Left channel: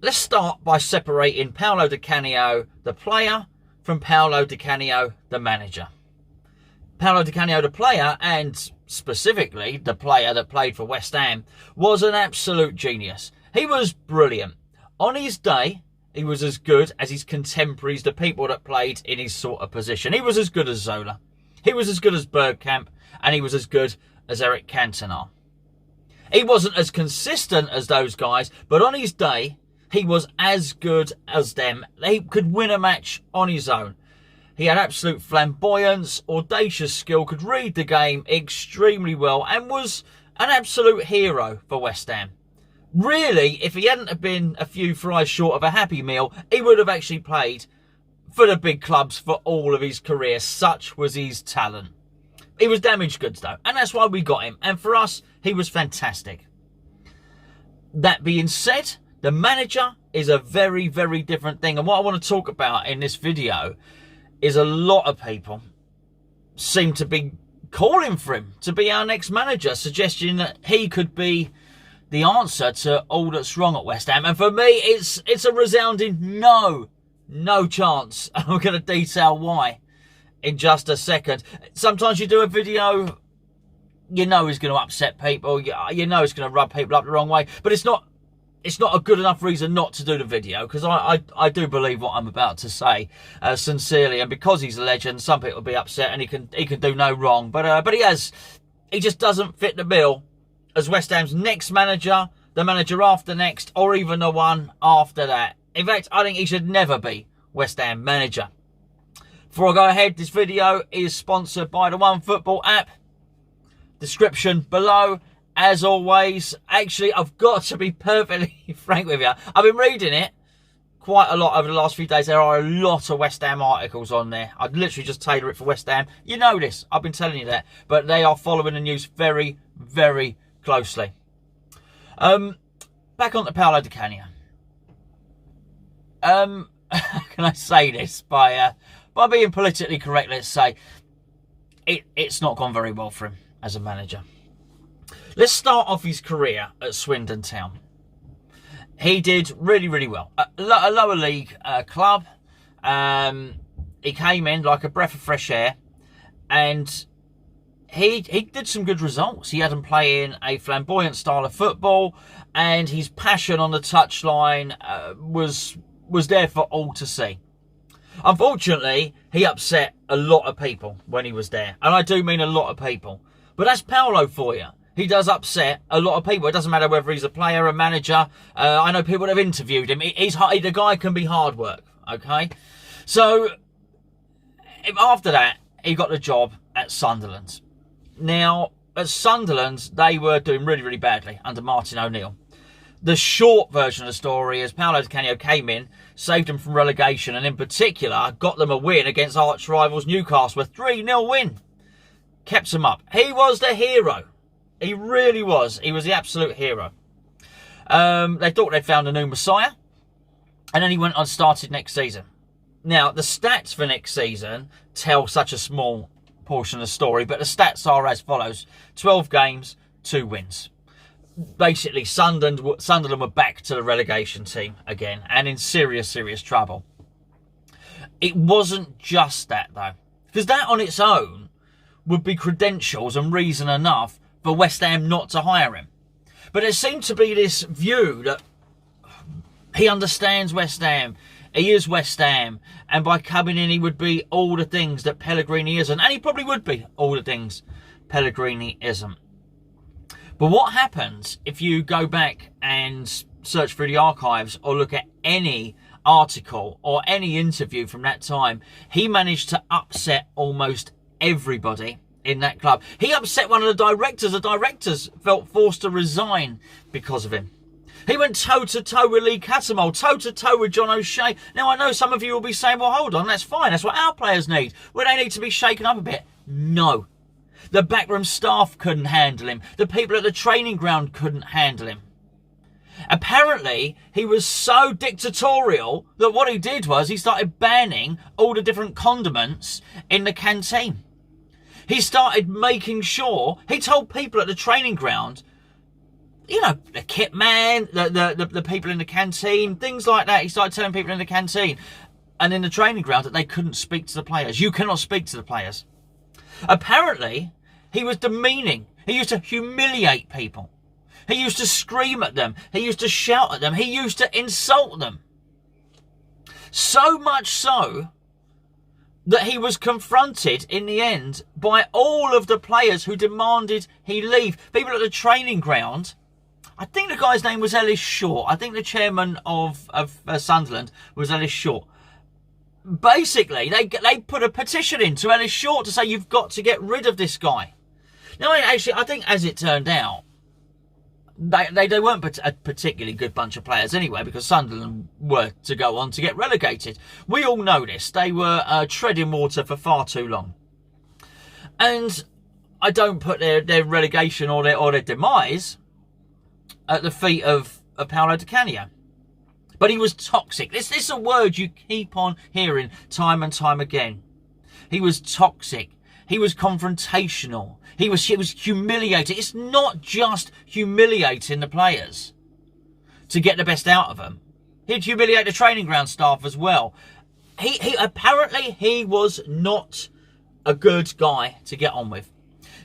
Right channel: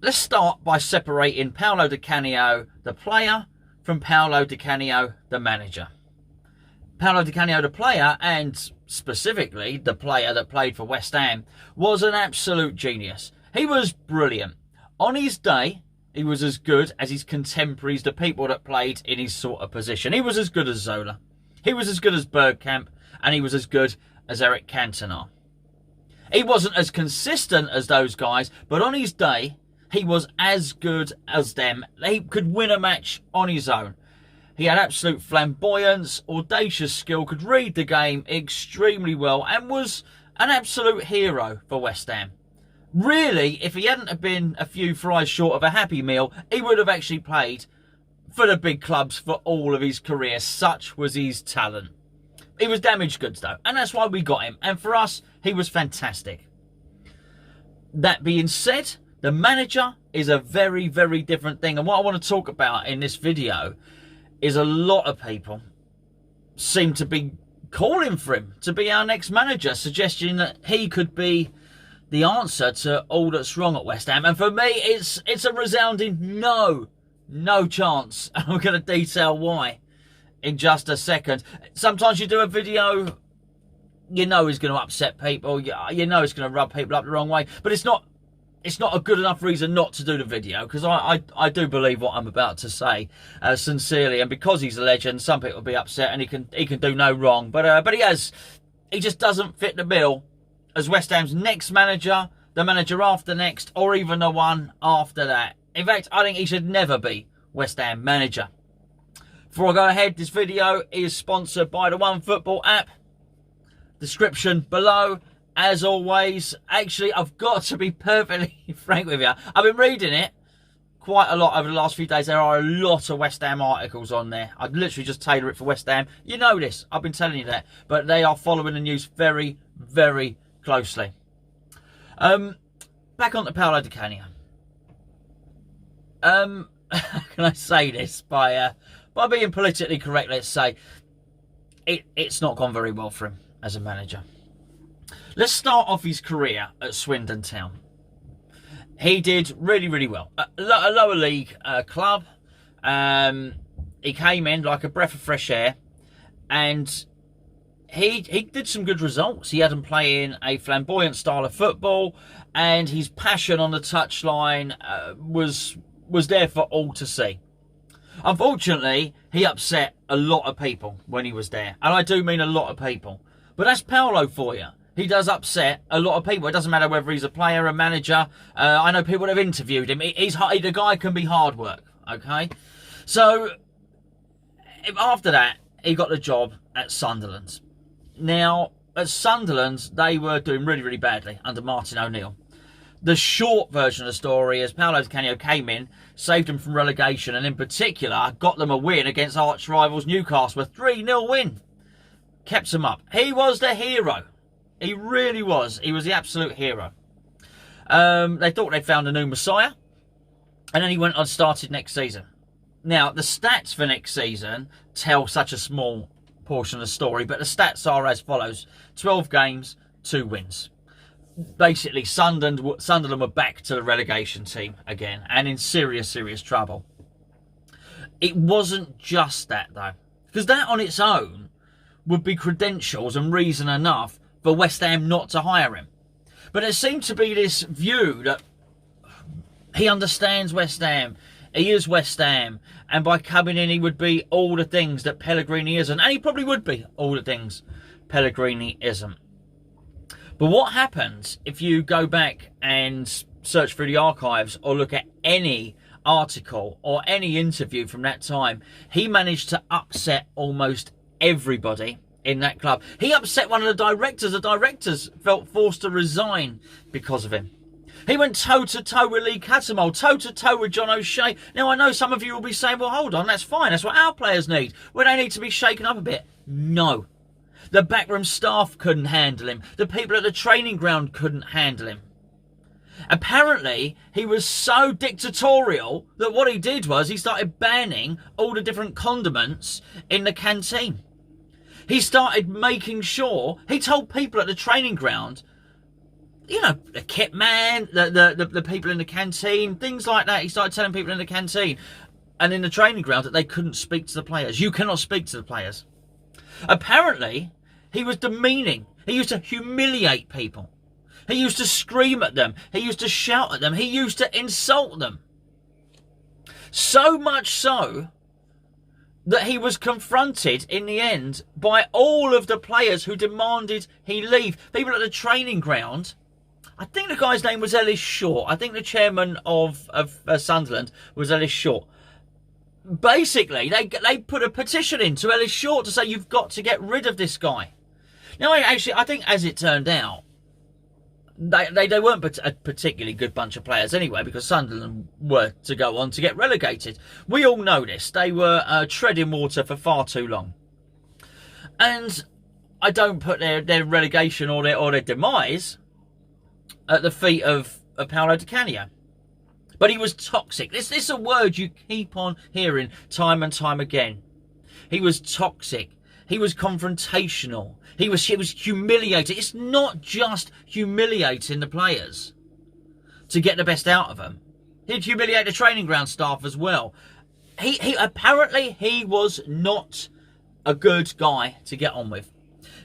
let's start by separating Paolo Di Canio, the player, from Paolo Di Canio, the manager. Paolo Di Canio, the player, and specifically the player that played for West Ham, was an absolute genius. He was brilliant. On his day, he was as good as his contemporaries, the people that played in his sort of position. He was as good as Zola. He was as good as Bergkamp, and he was as good as Eric Cantona. He wasn't as consistent as those guys, but on his day, he was as good as them. He could win a match on his own. He had absolute flamboyance, audacious skill, could read the game extremely well, and was an absolute hero for West Ham. Really, if he hadn't have been a few fries short of a Happy Meal, he would have actually played for the big clubs for all of his career. Such was his talent. He was damaged goods though, and that's why we got him. And for us, he was fantastic. That being said, the manager is a very, very different thing. And what I want to talk about in this video is a lot of people seem to be calling for him to be our next manager, suggesting that he could be the answer to all that's wrong at West Ham. And for me, it's a resounding no chance. And I'm going to detail why in just a second. Sometimes you do a video, you know it's going to upset people, you know it's going to rub people up the wrong way, but it's not a good enough reason not to do the video, because I do believe what I'm about to say sincerely, and because he's a legend, some people will be upset, and he can do no wrong, but he just doesn't fit the bill as West Ham's next manager, the manager after next, or even the one after that. In fact, I think he should never be West Ham manager. Before I go ahead, this video is sponsored by the OneFootball app. Description below. As always, actually, I've got to be perfectly frank with you. I've been reading it quite a lot over the last few days. There are a lot of West Ham articles on there. I'd literally just tailor it for West Ham. You know this. I've been telling you that. But they are following the news very, very closely. Back on to Paolo Di Canio. How can I say this? By being politically correct, let's say. It's not gone very well for him as a manager. Let's start off his career at Swindon Town. He did really, really well. A lower league club. He came in like a breath of fresh air. And he did some good results. He had him playing a flamboyant style of football. And his passion on the touchline was there for all to see. Unfortunately, he upset a lot of people when he was there. And I do mean a lot of people. But that's Paolo for you. He does upset a lot of people. It doesn't matter whether he's a player, a manager. I know people that have interviewed him. The guy can be hard work, okay? So, after that, he got the job at Sunderland. Now, at Sunderland, they were doing really, really badly under Martin O'Neill. The short version of the story is Paolo Di Canio came in, saved them from relegation, and in particular, got them a win against arch rivals Newcastle, a 3-0 win. Kept them up. He was the hero. He really was. He was the absolute hero. They thought they'd found a new messiah. And then he went on and started next season. Now, the stats for next season tell such a small portion of the story. But the stats are as follows. 12 games, 2 wins. Basically, Sunderland were back to the relegation team again. And in serious, serious trouble. It wasn't just that, though. Because that on its own would be credentials and reason enough for West Ham not to hire him. But there seemed to be this view that he understands West Ham, he is West Ham, and by coming in he would be all the things that Pellegrini isn't. And he probably would be all the things Pellegrini isn't. But what happens if you go back and search through the archives or look at any article or any interview from that time? He managed to upset almost everybody in that club. He upset one of the directors. The directors felt forced to resign because of him. He went toe-to-toe with Lee Cattermole, toe-to-toe with John O'Shea. Now, I know some of you will be saying, well, hold on, that's fine. That's what our players need. Well, they need to be shaken up a bit. No. The backroom staff couldn't handle him. The people at the training ground couldn't handle him. Apparently, he was so dictatorial that what he did was he started banning all the different condiments in the canteen. He started making sure, he told people at the training ground, you know, the kit man, the people in the canteen, things like that. He started telling people in the canteen and in the training ground that they couldn't speak to the players. You cannot speak to the players. Apparently, he was demeaning. He used to humiliate people. He used to scream at them. He used to shout at them. He used to insult them. So much so that he was confronted in the end by all of the players who demanded he leave. People at the training ground. I think the guy's name was Ellis Short. I think the chairman of Sunderland was Ellis Short. Basically, they put a petition in to Ellis Short to say you've got to get rid of this guy. Now, actually, I think as it turned out, they weren't a particularly good bunch of players anyway, because Sunderland were to go on to get relegated. We all know this. They were treading water for far too long. And I don't put their relegation or their demise at the feet of Paolo Di Canio. But he was toxic. This is a word you keep on hearing time and time again. He was toxic. He was confrontational. He was humiliating. It's not just humiliating the players to get the best out of them. He'd humiliate the training ground staff as well. He apparently he was not a good guy to get on with.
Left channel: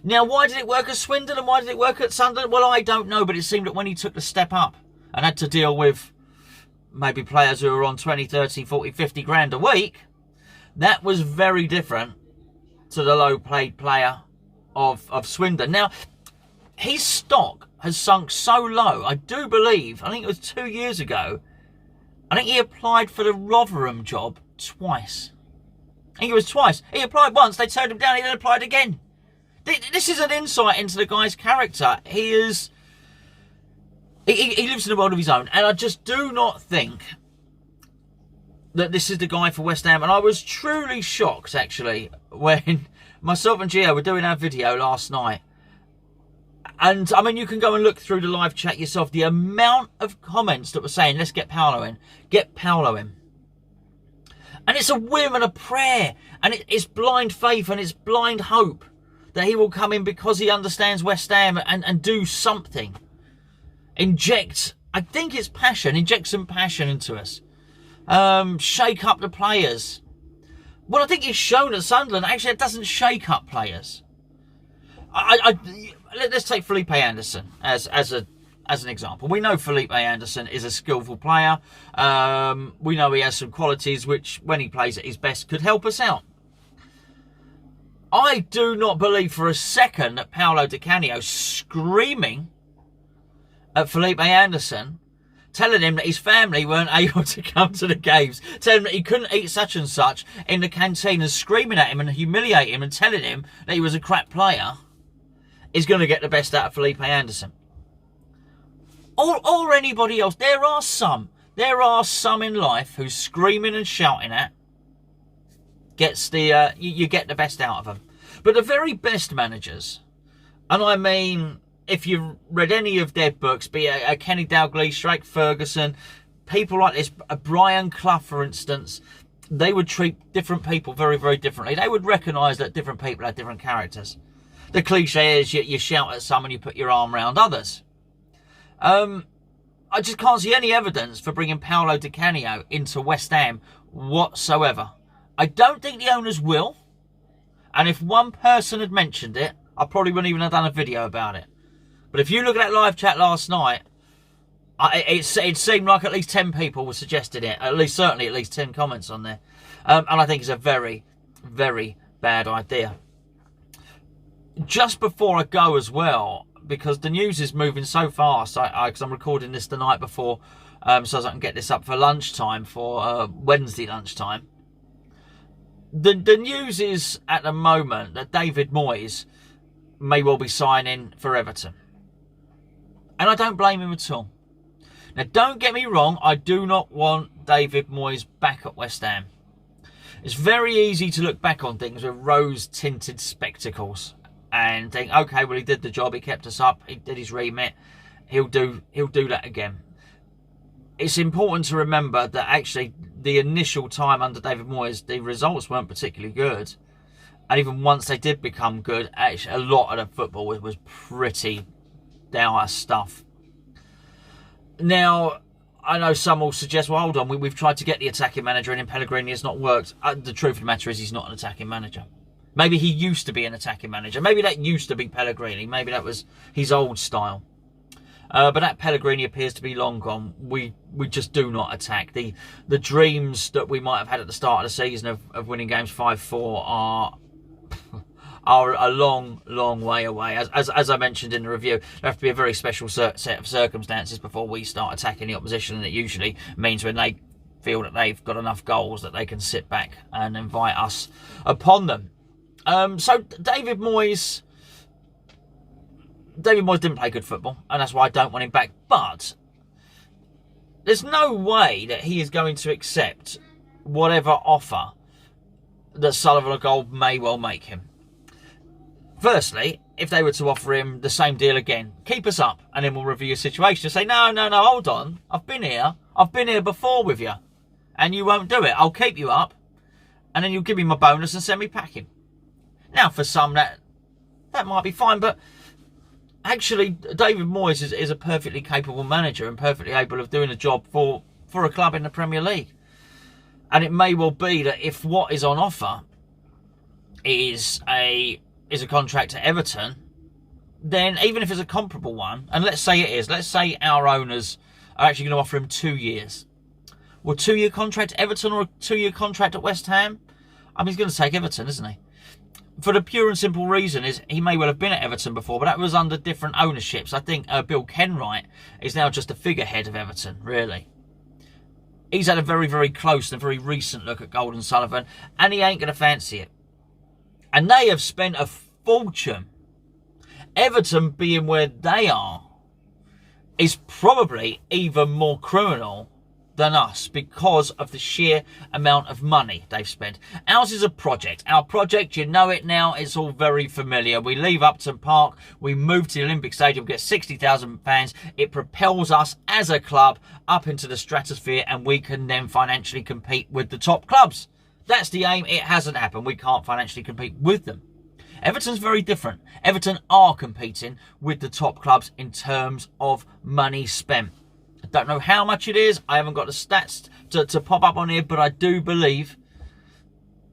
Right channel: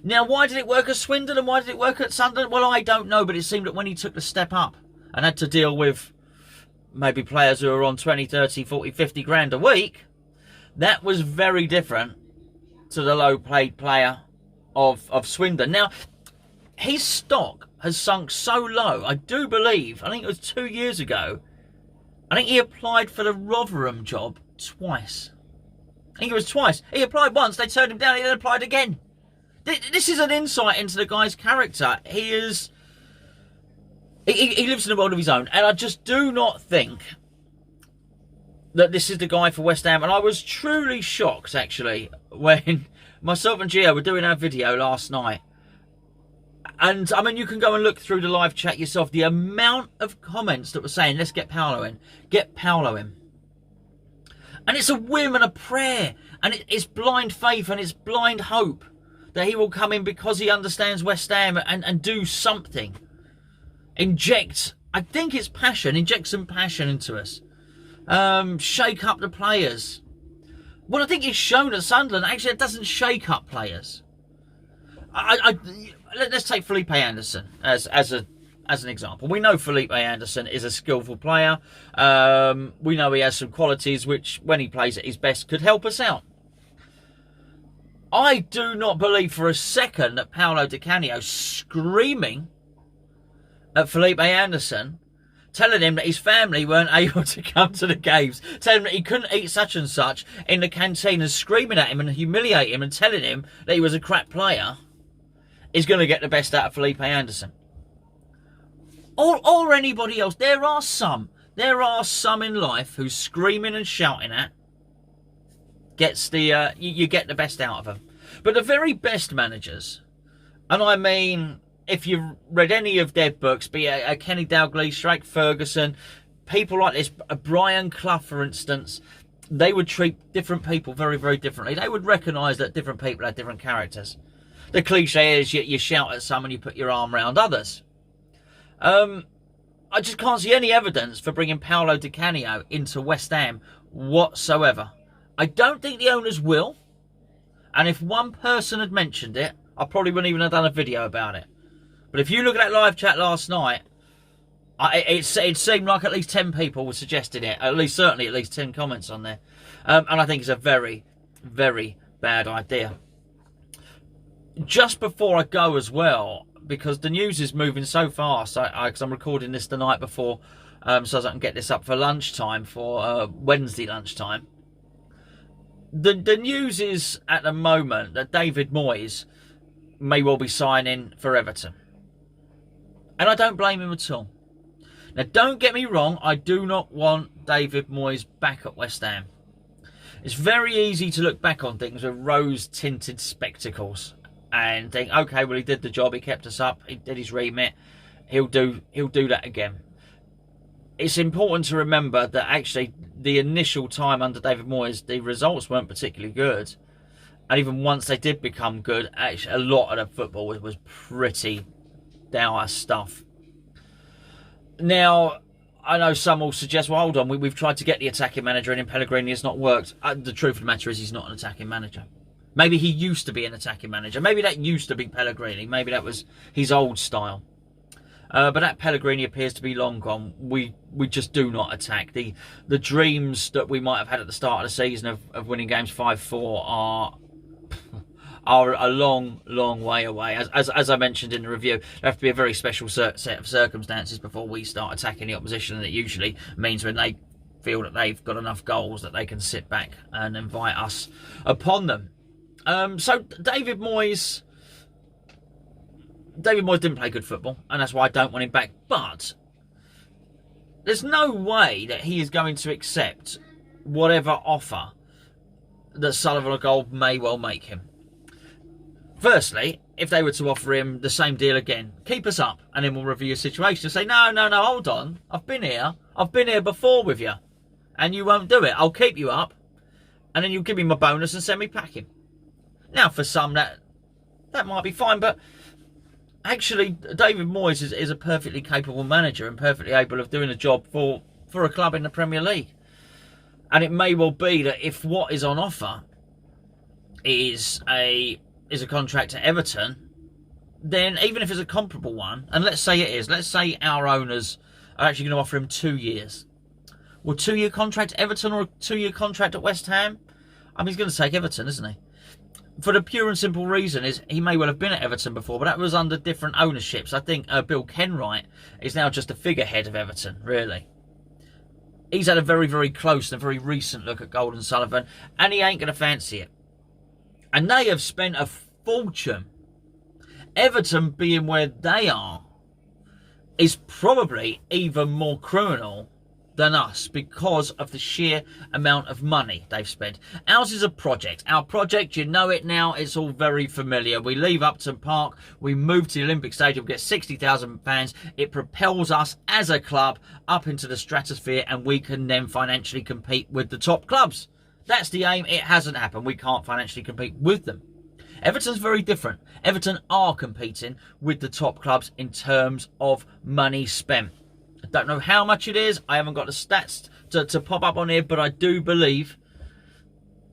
Now, why did it work at Swindon and why did it work at Sunderland? Well, I don't know, but it seemed that when he took the step up and had to deal with maybe players who are on 20, 30, 40, 50 grand a week, that was very different to the low-paid player of Swindon. Now, his stock has sunk so low, I do believe, I think it was 2 years ago, I think he applied for the Rotherham job twice. I think it was twice. He applied once, they turned him down, he then applied again. This is an insight into the guy's character. He lives in a world of his own, and I just do not think that this is the guy for West Ham. And I was truly shocked, actually, when myself and Gio were doing our video last night. And, I mean, you can go and look through the live chat yourself. The amount of comments that were saying, let's get Paolo in. Get Paolo in. And it's a whim and a prayer. And it's blind faith and it's blind hope that he will come in because he understands West Ham and do something. Inject, I think it's passion. Inject some passion into us. Shake up the players. Well, I think it's shown at Sunderland. Actually, it doesn't shake up players. Let's take Felipe Anderson as an example. We know Felipe Anderson is a skillful player. We know he has some qualities which, when he plays at his best, could help us out. I do not believe for a second that Paolo Di Canio screaming at Felipe Anderson, telling him that his family weren't able to come to the games, telling him that he couldn't eat such and such in the canteen, and screaming at him and humiliating him and telling him that he was a crap player, is going to get the best out of Felipe Anderson. Or anybody else. There are some in life who's screaming and shouting at gets the you get the best out of them. But the very best managers, and I mean, if you've read any of their books, be it a Kenny Dalglish, Shrek Ferguson, people like this, Brian Clough, for instance, they would treat different people very, very differently. They would recognise that different people have different characters. The cliche is you shout at some and you put your arm around others. I just can't see any evidence for bringing Paolo Di Canio into West Ham whatsoever. I don't think the owners will. And if one person had mentioned it, I probably wouldn't even have done a video about it. But if you look at that live chat last night, it seemed like at least 10 people were suggesting it. Certainly at least 10 comments on there. And I think it's a very, very bad idea. Just before I go as well, because the news is moving so fast, because I'm recording this the night before, so I can get this up for lunchtime, for Wednesday lunchtime. The news is at the moment that David Moyes may well be signing for Everton. And I don't blame him at all. Now, don't get me wrong, I do not want David Moyes back at West Ham. It's very easy to look back on things with rose-tinted spectacles and think, okay, well, he did the job, he kept us up, he did his remit, he'll do that again. It's important to remember that actually the initial time under David Moyes, the results weren't particularly good. And even once they did become good, actually a lot of the football was pretty dour stuff. Now, I know some will suggest, well, hold on, we've tried to get the attacking manager in Pellegrini, it's not worked. The truth of the matter is he's not an attacking manager. Maybe he used to be an attacking manager. Maybe that used to be Pellegrini. Maybe that was his old style. But that Pellegrini appears to be long gone. We just do not attack. The dreams that we might have had at the start of the season of winning games 5-4 are a long, long way away. As I mentioned in the review, there have to be a very special set of circumstances before we start attacking the opposition, and it usually means when they feel that they've got enough goals that they can sit back and invite us upon them. So David Moyes didn't play good football, and that's why I don't want him back. But there's no way that he is going to accept whatever offer that Sullivan or Gold may well make him. Firstly, if they were to offer him the same deal again, keep us up, and then we'll review your situation and say, no, hold on. I've been here before with you, and you won't do it. I'll keep you up, and then you'll give me my bonus and send me packing. Now, for some, that might be fine, but actually, David Moyes is a perfectly capable manager and perfectly able of doing a job for a club in the Premier League. And it may well be that if what is on offer is a contract at Everton, then even if it's a comparable one, and let's say our owners are actually going to offer him 2 years. Well, 2-year contract at Everton or a 2-year contract at West Ham? I mean, he's going to take Everton, isn't he? For the pure and simple reason is he may well have been at Everton before, but that was under different ownerships. I think Bill Kenwright is now just a figurehead of Everton, really. He's had a very, very close and very recent look at Gold and Sullivan, and he ain't going to fancy it. And they have spent a fortune. Everton being where they are is probably even more criminal than us because of the sheer amount of money they've spent. Ours is a project. Our project, you know it now, it's all very familiar. We leave Upton Park, we move to the Olympic Stadium, get 60,000 fans. It propels us as a club up into the stratosphere, and we can then financially compete with the top clubs. That's the aim. It hasn't happened. We can't financially compete with them. Everton's very different. Everton are competing with the top clubs in terms of money spent. I don't know how much it is. I haven't got the stats to pop up on here, but I do believe.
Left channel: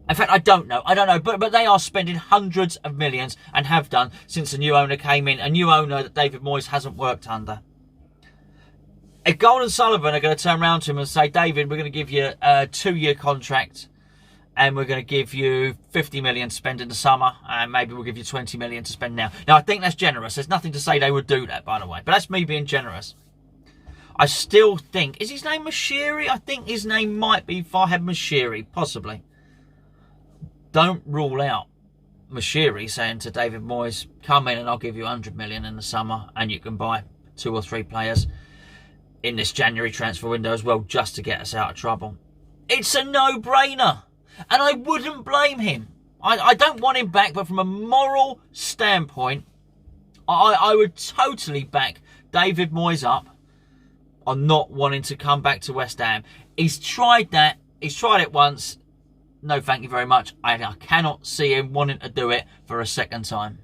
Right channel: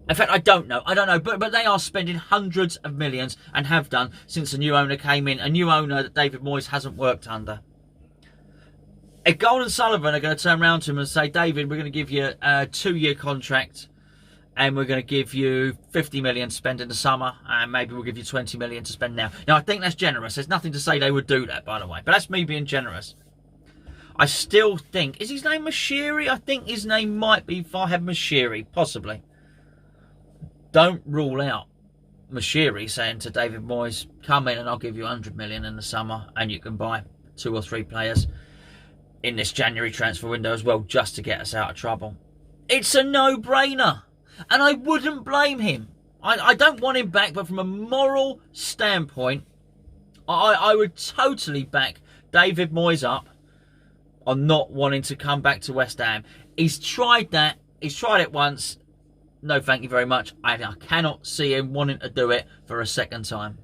In fact, I don't know. But they are spending hundreds of millions and have done since the new owner came in. A new owner that David Moyes hasn't worked under. If Gold and Sullivan are going to turn around to him and say, David, we're going to give you a 2-year contract and we're going to give you 50 million to spend in the summer, and maybe we'll give you 20 million to spend now. Now, I think that's generous. There's nothing to say they would do that, by the way. But that's me being generous. I still think... Is his name Mashiri? I think his name might be Farhad Mashiri, possibly. Don't rule out Mashiri saying to David Moyes, come in and I'll give you 100 million in the summer and you can buy 2 or 3 players in this January transfer window as well, just to get us out of trouble. It's a no-brainer. And I wouldn't blame him. I don't want him back, but from a moral standpoint, I would totally back David Moyes up on not wanting to come back to West Ham. He's tried that. He's tried it once. No, thank you very much. I cannot see him wanting to do it for a second time.